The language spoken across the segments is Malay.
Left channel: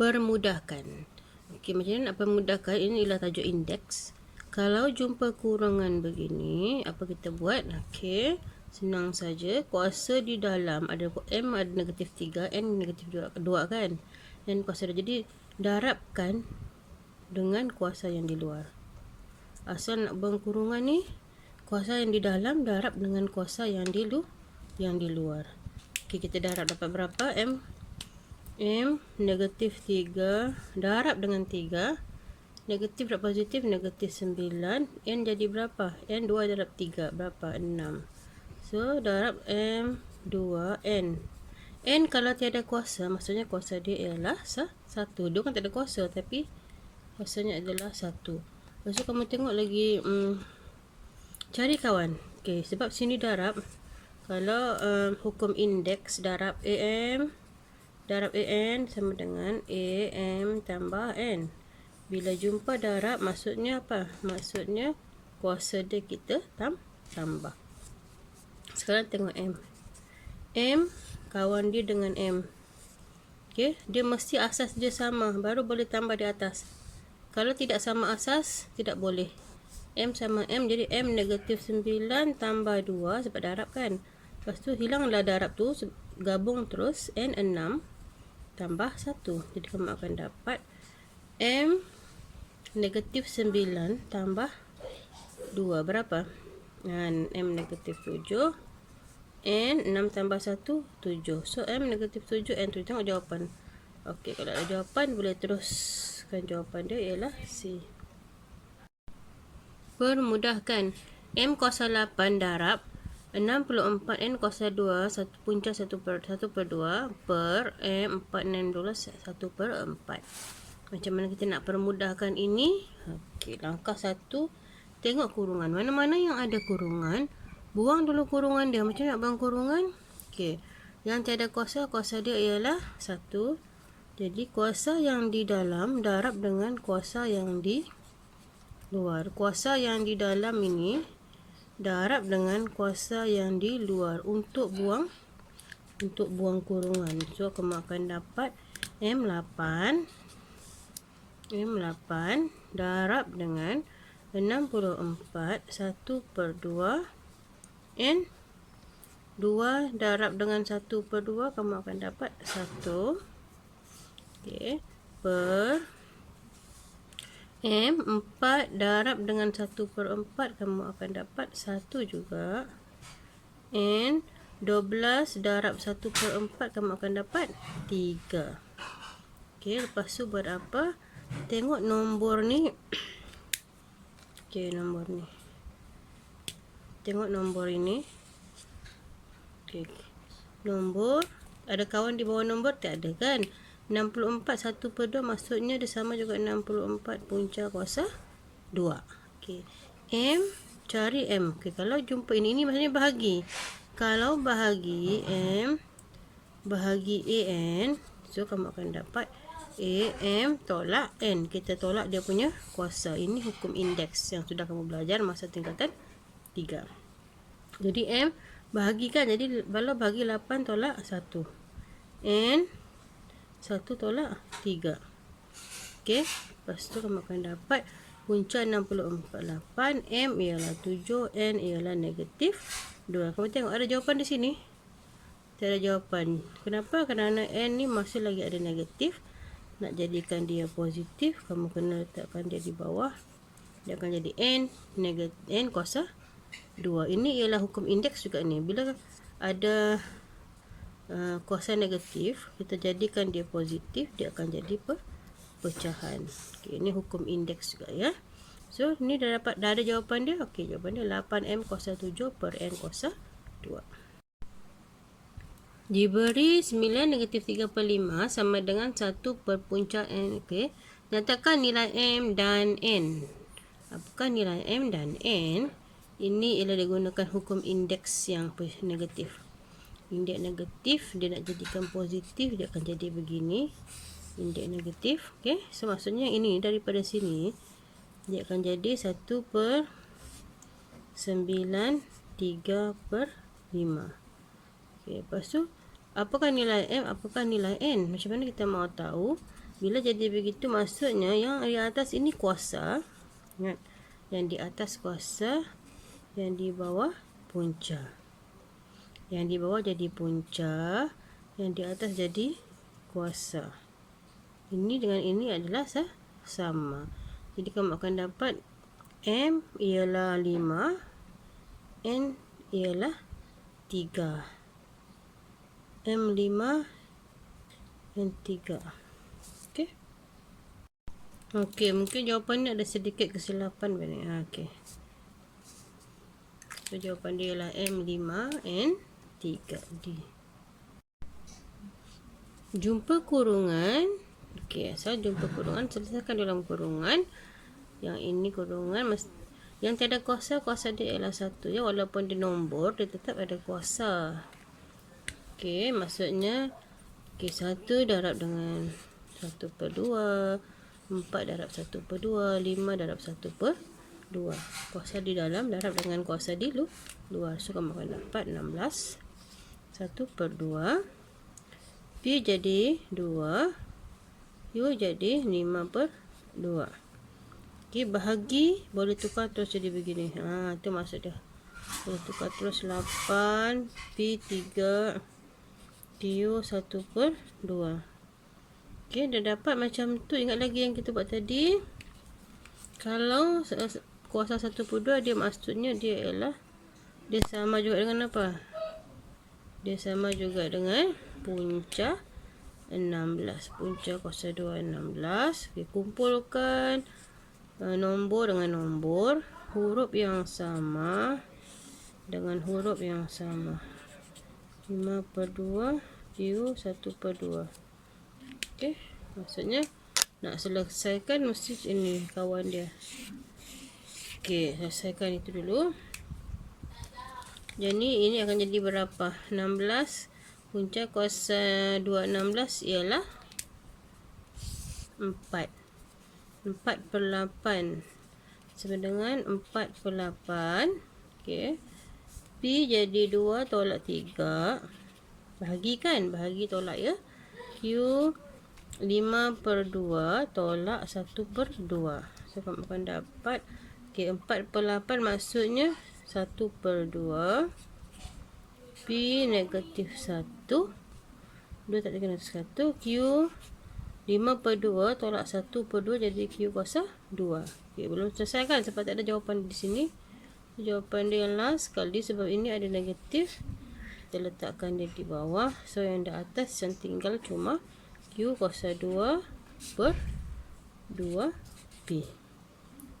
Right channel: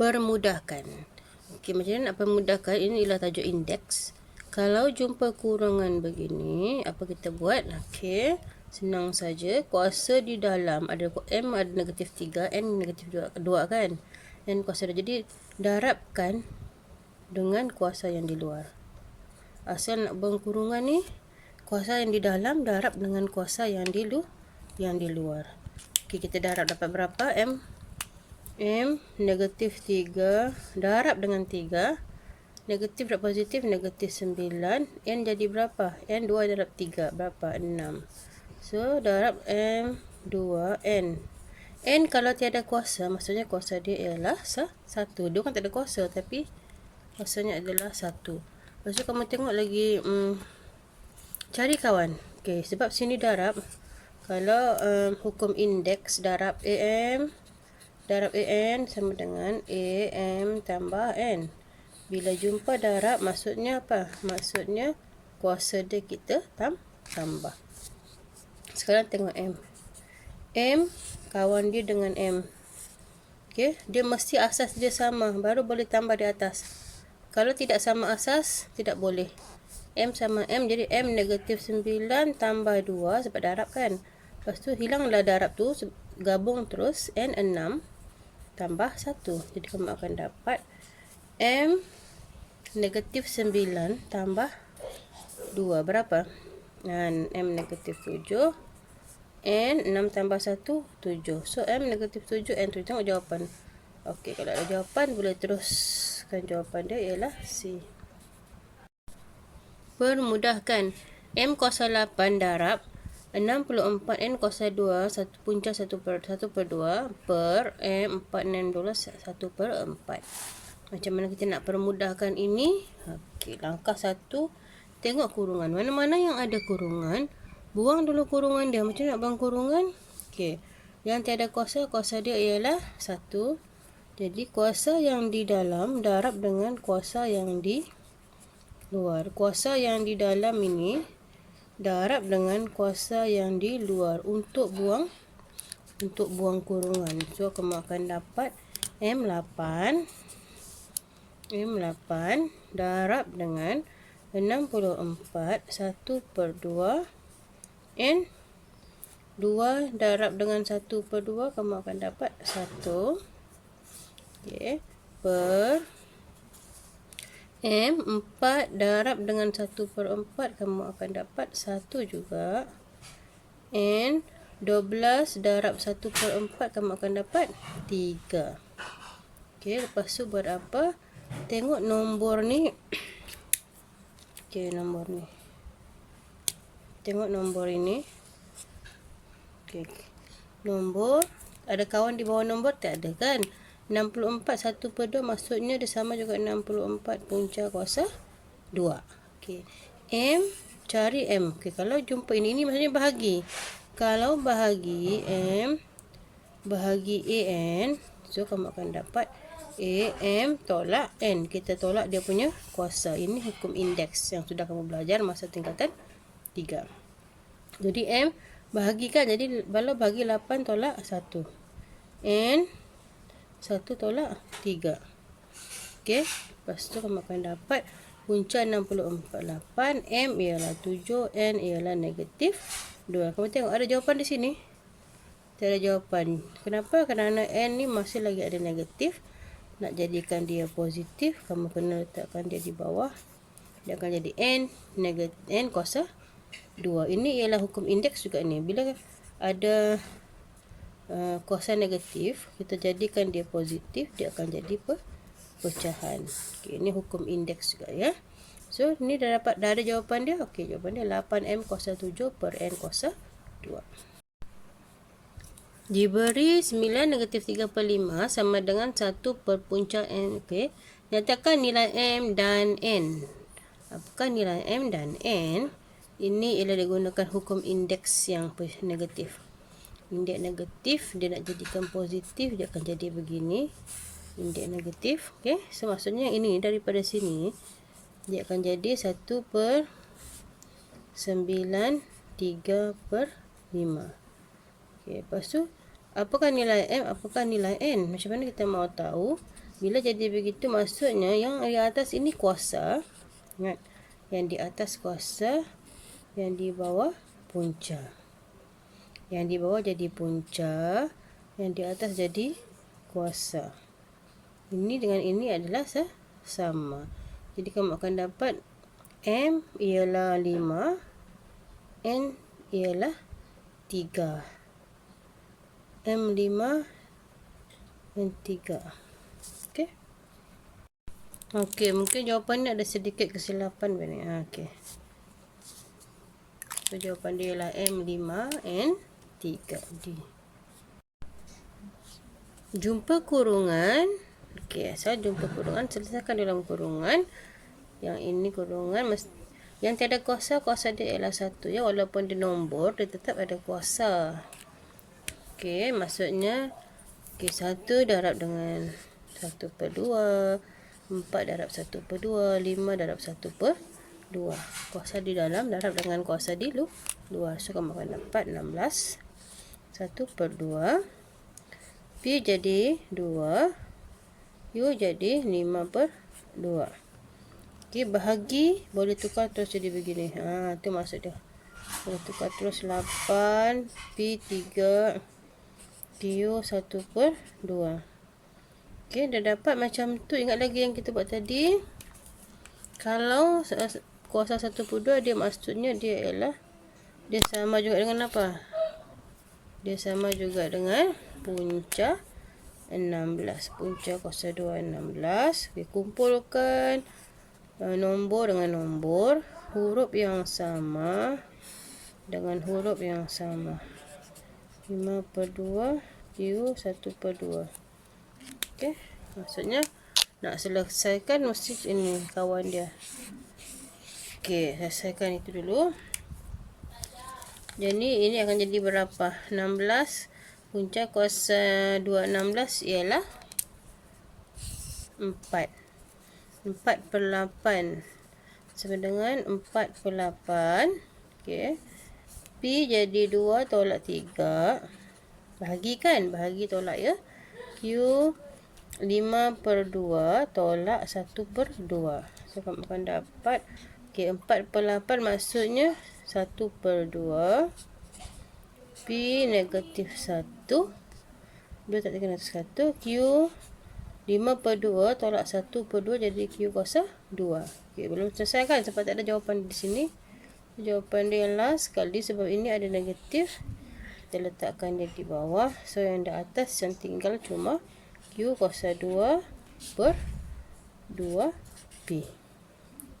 Permudahkan. Okey, macam mana nak permudahkan? Ini ialah tajuk indeks. Kalau jumpa kurungan begini, apa kita buat? Okey, senang saja. Kuasa di dalam ada M ada negatif 3, N negatif 2 kan? N kuasa 2. Jadi darabkan dengan kuasa yang di luar. Asal nak buang kurungan ni, kuasa yang di dalam darab dengan kuasa yang di luar. Okey, kita darab dapat berapa? M negatif 3 darab dengan 3, negatif dan positif negatif 9, N jadi berapa? N 2 darab 3 berapa? 6. So darab M 2N. N kalau tiada kuasa, maksudnya kuasa dia ialah 1. Dia kan tak ada kuasa, tapi kuasanya adalah 1. Lepas tu kamu tengok lagi cari kawan. Okay, sebab sini darab. Kalau hukum indeks darab AM darab AN sama dengan AM tambah N. Bila jumpa darab, maksudnya apa? Maksudnya kuasa dia kita tambah. Sekarang tengok M. M kawan dia dengan M. Okay, dia mesti asas dia sama, baru boleh tambah di atas. Kalau tidak sama asas, tidak boleh. M sama M, jadi M negatif 9 tambah 2 sebab darab kan. Lepas tu hilanglah darab tu, gabung terus N 6 tambah 1. Jadi kamu akan dapat M negatif 9 tambah 2 berapa? M negatif 7, N 6 tambah 1 7. So M negatif 7, N 7. Tengok jawapan. Okey, kalau ada jawapan boleh teruskan. Jawapan dia ialah C. Permudahkan. M kuasa 8 darab 64 N kuasa 2 punca 1/2 per M 4/12 1/4. Macam mana kita nak permudahkan ini? Okey, langkah 1, tengok kurungan. Mana-mana yang ada kurungan, buang dulu kurungan dia. Macam nak buang kurungan? Okey, yang tiada kuasa, kuasa dia ialah 1. Jadi kuasa yang di dalam darab dengan kuasa yang di luar. Kuasa yang di dalam ini darab dengan kuasa yang di luar untuk buang kurungan. So kamu akan dapat M8 darab dengan 64 1/2 N 2 darab dengan 1/2, kamu akan dapat 1. Okey, per M 4 darab dengan 1/4, kamu akan dapat 1 juga. N 12 darab 1/4, kamu akan dapat 3. Okey, lepas tu buat apa? Tengok nombor ni. Okey, nombor ni. Tengok nombor ini. Okey. Nombor, ada kawan di bawah nombor? Tak ada kan? 64 1/2 maksudnya dia sama juga 64 punca kuasa 2. Okey. M, cari M. Okey, kalau jumpa ini maksudnya bahagi. Kalau bahagi M bahagi AN, so kamu akan dapat AM tolak N. Kita tolak dia punya kuasa. Ini hukum indeks yang sudah kamu belajar masa tingkatan 3. Jadi M bahagi kan, jadi kalau bahagi 8 tolak 1. N 1 tolak 3. Okey, lepas tu kamu akan dapat punca 64 8, M ialah 7, N ialah negatif 2. Kamu tengok ada jawapan di sini? Tidak ada jawapan. Kenapa? Kerana N ni masih lagi ada negatif. Nak jadikan dia positif, kamu kena letakkan dia di bawah. Dia akan jadi N negatif N kuasa 2. Ini ialah hukum indeks juga ni. Bila ada kuasa negatif, kita jadikan dia positif, dia akan jadi pecahan. Okey, ini hukum indeks juga ya. So ni dah ada jawapan dia. Okey, jawapan dia 8M kuasa 7 per N kuasa 2. Diberi 9 negatif 3/5 sama dengan 1 per punca N. Okey, nyatakan nilai M dan N. Apakah nilai M dan N? Ini ialah digunakan hukum indeks yang negatif. Indeks negatif dia nak jadikan positif, dia akan jadi begini. Indeks negatif. Okey, so maksudnya ini daripada sini dia akan jadi 1/9 3/5. Okey, lepas tu apakah nilai M, apakah nilai N? Macam mana kita mau tahu? Bila jadi begitu, maksudnya yang di atas ini kuasa. Ingat, yang di atas kuasa, yang di bawah punca. Yang di bawah jadi punca, yang di atas jadi kuasa. Ini dengan ini adalah sama. Jadi kamu akan dapat M ialah 5, N ialah 3. M5, N3. Okey. Okey, mungkin jawapan ni ada sedikit kesilapan bani. Okey. So jawapan dia ialah M5, N3. D. Jumpa kurungan. Okey, saya jumpa kurungan, selesaikan dalam kurungan. Yang ini kurungan yang tiada kuasa, kuasa dia ialah 1 ya, walaupun dia nombor, dia tetap ada kuasa. Okey, maksudnya 1 darab dengan 1/2, 4 darab 1/2, 5 darab 1/2. Kuasa di dalam darab dengan kuasa di luar. So kamu akan dapat 16 1/2. P jadi 2, U jadi 5/2. Okey, bahagi boleh tukar terus jadi begini. Itu maksud dia. Boleh tukar terus 8, P 3, Q 1/2. Okey, dah dapat macam tu. Ingat lagi yang kita buat tadi. Kalau kuasa 1/2, dia maksudnya dia ialah, dia sama juga dengan apa? Dia sama juga dengan punca 16. Punca kuasa 2 16. Okey, kumpulkan nombor dengan nombor, huruf yang sama dengan huruf yang sama. 5/2, Q 1/2. Okey, maksudnya nak selesaikan mesti ini kawan dia. Okey, selesaikan itu dulu. Jadi ini akan jadi berapa? 16. Punca kuasa 2 16 ialah 4. 4/8 sama dengan 4/8. Okey. P jadi 2 tolak 3. Bahagi kan? Bahagi tolak ya. Q 5/2 tolak 1/2. So kamu akan dapat 4/8 maksudnya 1/2. P negatif 1. 2 tak kena 1. Q 5/2 tolak 1/2 jadi Q kuasa 2. Okey, belum selesai kan? Sebab tak ada jawapan di sini. Jawapan dia last sekali sebab ini ada negatif. Kita letakkan dia di bawah. So yang di atas yang tinggal cuma Q kuasa 2/2P.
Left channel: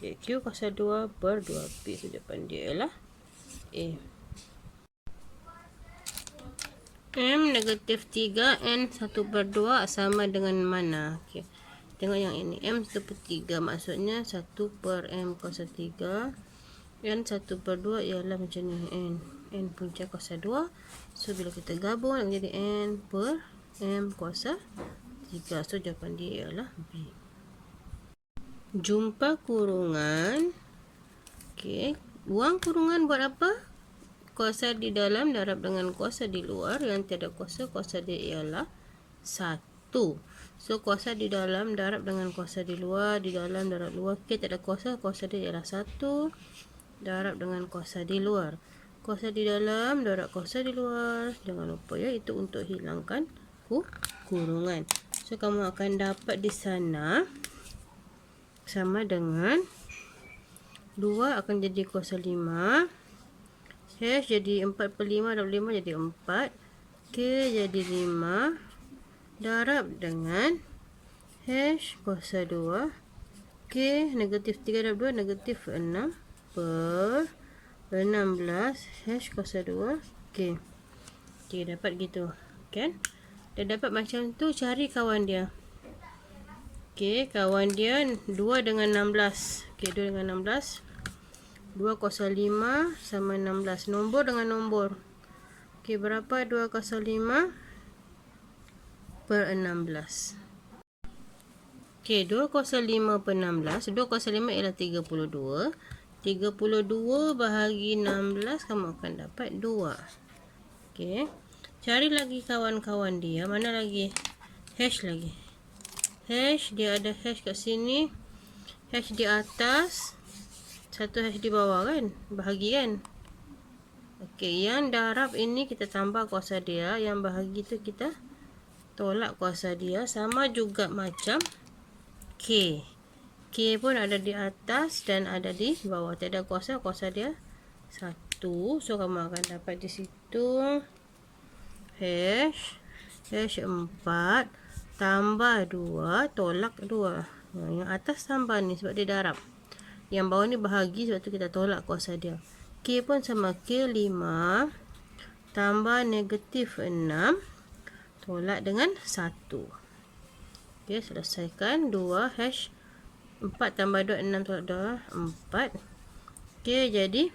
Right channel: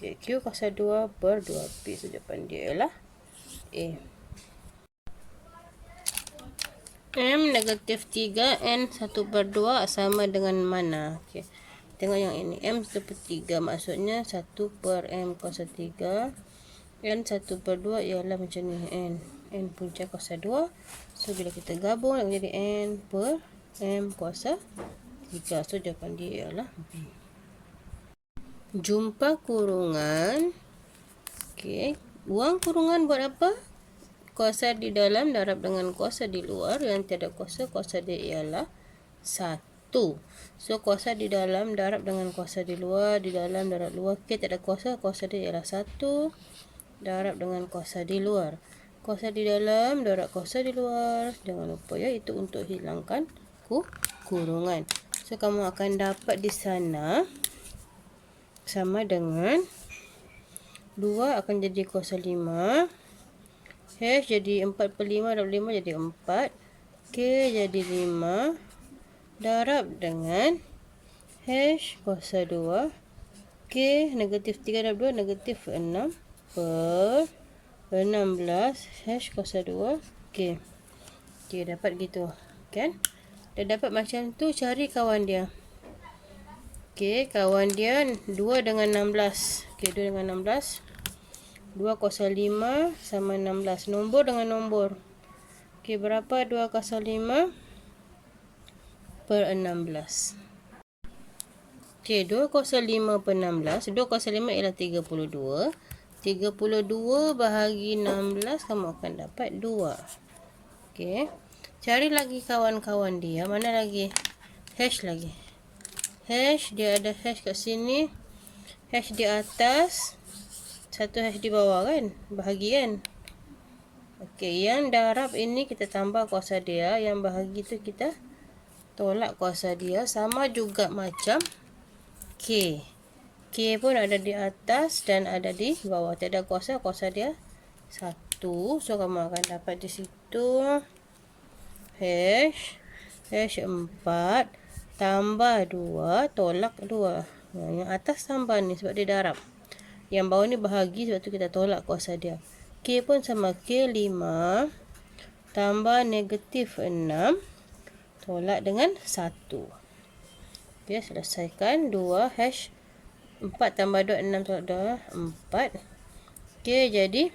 Okey, Q kuasa 2/2P. So jawapan dia ialah A. M negatif 3, N 1/2 sama dengan mana? Okey. Tengok yang ini. M 1/3 maksudnya 1/M kuasa 3. N 1/2 ialah macam ni. N punca kuasa 2. So bila kita gabung nak menjadi N per M kuasa 3. So jawapan dia ialah B. Jumpa kurungan. Okey. Buang kurungan buat apa? Kuasa di dalam darab dengan kuasa di luar. Yang tiada kuasa, kuasa dia ialah 1. So kuasa di dalam darab dengan kuasa di luar. Di dalam darab luar. Okey, tiada kuasa, kuasa dia ialah 1. Darab dengan kuasa di luar. Kuasa di dalam darab kuasa di luar. Jangan lupa ya, itu untuk hilangkan kurungan. So kamu akan dapat di sana sama dengan 2 akan jadi kuasa 5. H jadi 4/5 darab 5 jadi 4. K jadi 5 darab dengan H kuasa 2. K negatif 3 darab 2 negatif 6 per 16 H kuasa 2 K. Okey, dapat gitu kan? Dah dapat macam tu, cari kawan dia. Okey, kawan dia 2 dengan 16. Okey, 2 dengan 16. 2 kuasa 5 sama 16. Nombor dengan nombor. Okey, berapa 2 kuasa 5 per 16? Okey, 2 kuasa 5 per 16. 2 kuasa 5 ialah 32. 32 bahagi 16, kamu akan dapat 2. Okey. Cari lagi kawan-kawan dia. Mana lagi? H lagi. hash, dia ada hash kat sini, hash di atas, satu hash di bawah kan, bahagi kan. Okey, yang darab ini kita tambah kuasa dia, yang bahagi tu kita tolak kuasa dia. Sama juga macam K. K pun ada di atas dan ada di bawah. Tiada kuasa, kuasa dia 1. So kamu akan dapat di situ hash 4 tambah 2 tolak 2. Yang atas tambah ni sebab dia darab. Yang bawah ni bahagi sebab tu kita tolak kuasa dia. K pun sama, K 5 tambah negatif 6 tolak dengan 1. Okey, selesaikan. 2 hash 4 tambah 2, 6 tolak 2, 4. Okey, jadi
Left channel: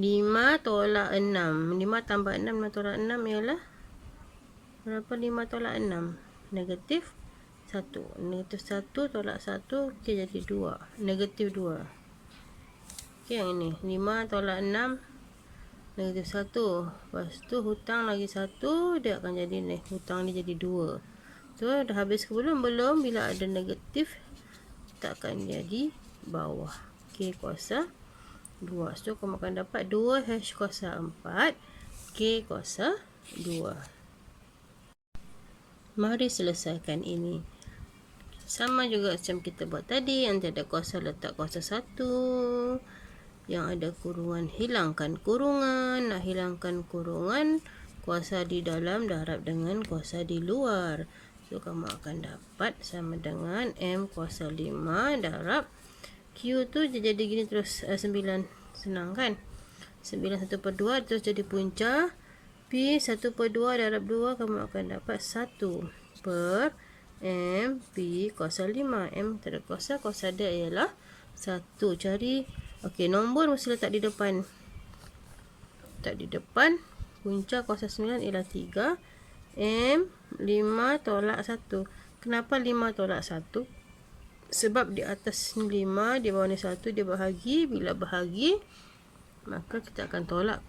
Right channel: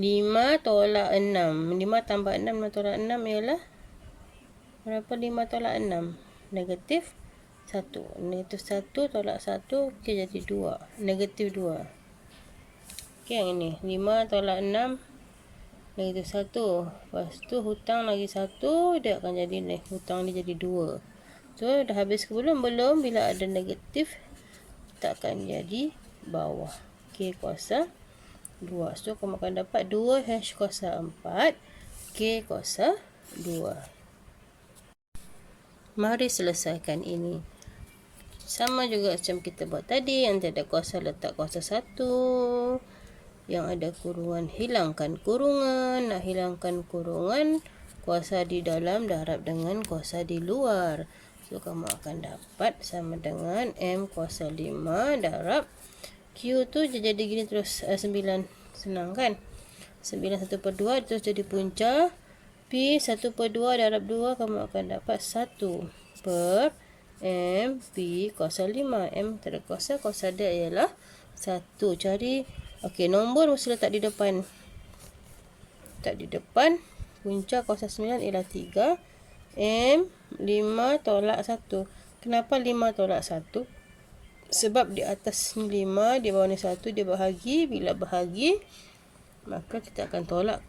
5 tolak 6. 5 tambah 6, 5 tolak 6 ialah berapa? 5 tolak 6? Negatif 1. Negatif 1 tolak 1, okey, jadi 2. Negatif 2. Okey, yang ini 5 tolak 6 negatif 1. Lepas tu hutang lagi 1, dia akan jadi hutang dia jadi 2. So dah habis ke belum? Belum. Bila ada negatif kita akan jadi bawah. K kuasa 2. So kamu akan dapat 2 hash kuasa 4 K kuasa 2. Mari selesaikan ini. Sama juga macam kita buat tadi, yang tiada kuasa letak kuasa 1. Yang ada kurungan hilangkan kurungan. Nak hilangkan kurungan, kuasa di dalam darab dengan kuasa di luar. So kamu akan dapat sama dengan M kuasa 5 darab Q tu jadi gini terus 9. Senang kan? 9 1/2 terus jadi punca. P 1/2 darab 2 kamu akan dapat 1 per M P kuasa 5. M tak ada kuasa, kuasa dia ialah 1. Cari. Okey, nombor mesti letak di depan. Letak di depan. Punca kuasa 9 ialah 3. M 5 tolak 1. Kenapa 5 tolak 1? Sebab di atas 5, di bawah ni 1, dia bahagi. Bila bahagi, maka kita akan tolak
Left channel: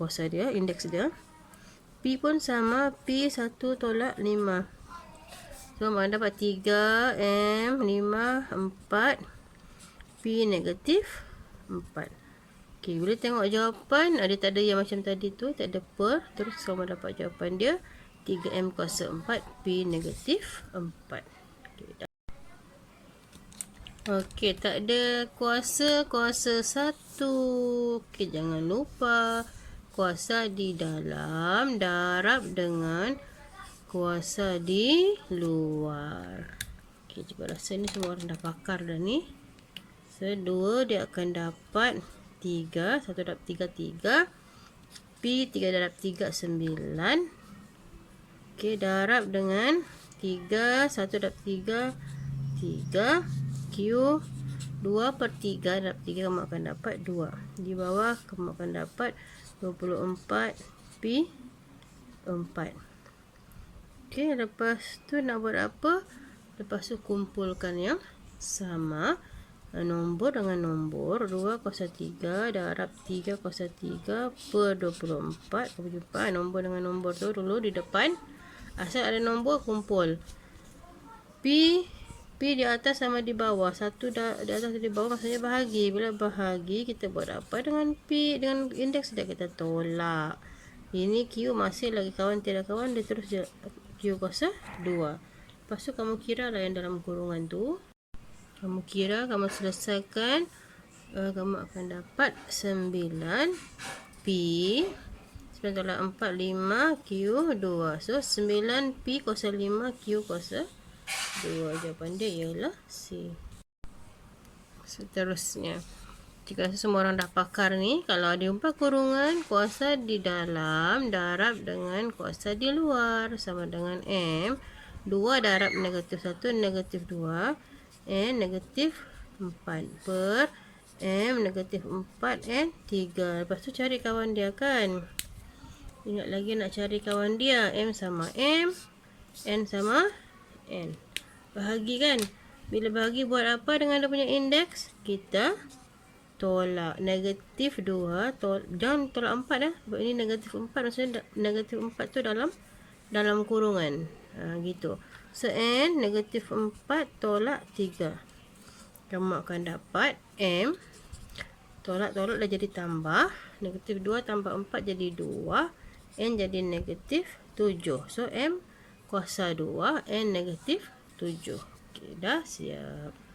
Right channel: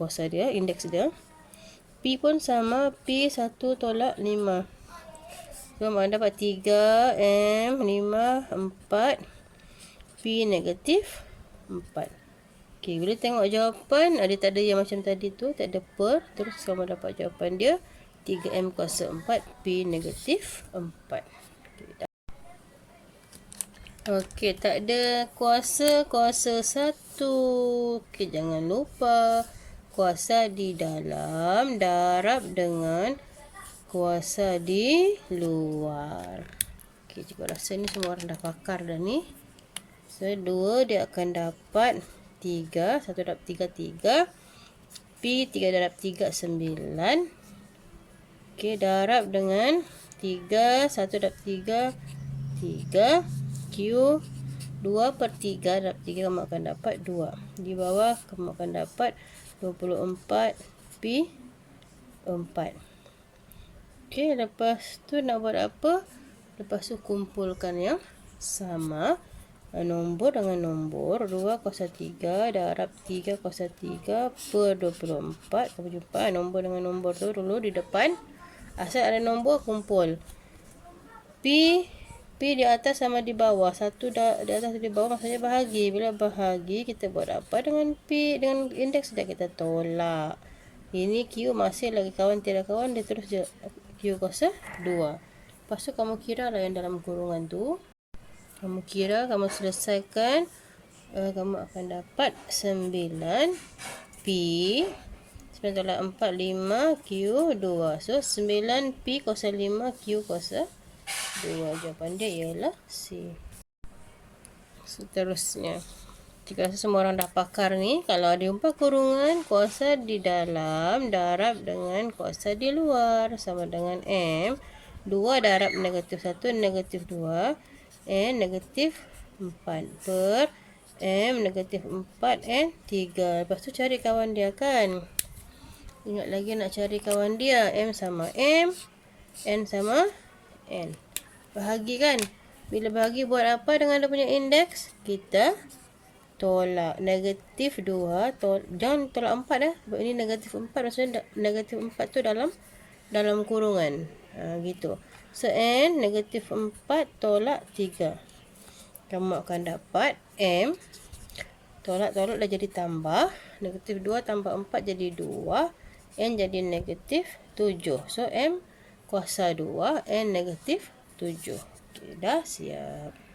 kuasa dia, indeks dia. P pun sama, P 1 tolak 5. So, mana dapat 3 M 5 4 P negatif 4. Okey, bila tengok jawapan, ada tak ada yang macam tadi tu, tak ada per, terus kamu dapat jawapan dia 3M kuasa 4 P negatif 4. Okey, tak ada kuasa 1. Okey, jangan lupa kuasa di dalam darab dengan kuasa di luar. Okey, cuba rasa ni semua orang dah pakar dah ni. So, 2 dia akan dapat 3. 1 darab 3, 3. P 3 darab 3, 9. Okey, darab dengan 3. 1 darab 3, 3. Q 2/3 darab 3 kamu akan dapat 2. Di bawah kamu akan dapat 24 P 4. Okey, lepas tu nak buat apa? Lepas tu kumpulkan yang sama. Nombor dengan nombor. 2 kuasa 3 darab 3 kuasa 3 per 24. Kamu jumpa nombor dengan nombor tu dulu di depan. Asal ada nombor, kumpul. P di atas sama di bawah. 1 di atas di bawah maksudnya bahagi. Bila bahagi, kita buat apa dengan P? Dengan indeks dia kita tolak. Ini Q masih lagi kawan, tiada kawan. Dia terus Q kuasa 2. Lepas tu kamu kira lah yang dalam kurungan tu. Kamu kira, kamu selesaikan. Kamu akan dapat 9 P 9 tolak 4, 5 Q 2. So 9 P kuasa 5 Q kuasa 2. Jawapan dia ialah C. Seterusnya, jika semua orang dah pakar ni, kalau ada jumpa kurungan kuasa di dalam darab dengan kuasa di luar sama dengan M 2 darab negatif 1 negatif 2 N negatif 4 per M negatif 4 N 3. Lepas tu cari kawan dia kan. Ingat lagi nak cari kawan dia. M sama M, N sama N. Bahagi kan. Bila bahagi buat apa dengan dia punya indeks? Kita tolak negatif 2. Jangan tolak 4 dah. Sebab ini negatif 4. Maksudnya negatif 4 tu dalam kurungan. Gitu. So N negatif 4 tolak 3. Kamu akan dapat M tolak-tolak dah jadi tambah. Negatif 2 tambah 4 jadi 2. N jadi negatif 7. So M kuasa 2, N negatif 7. Okey, dah siap.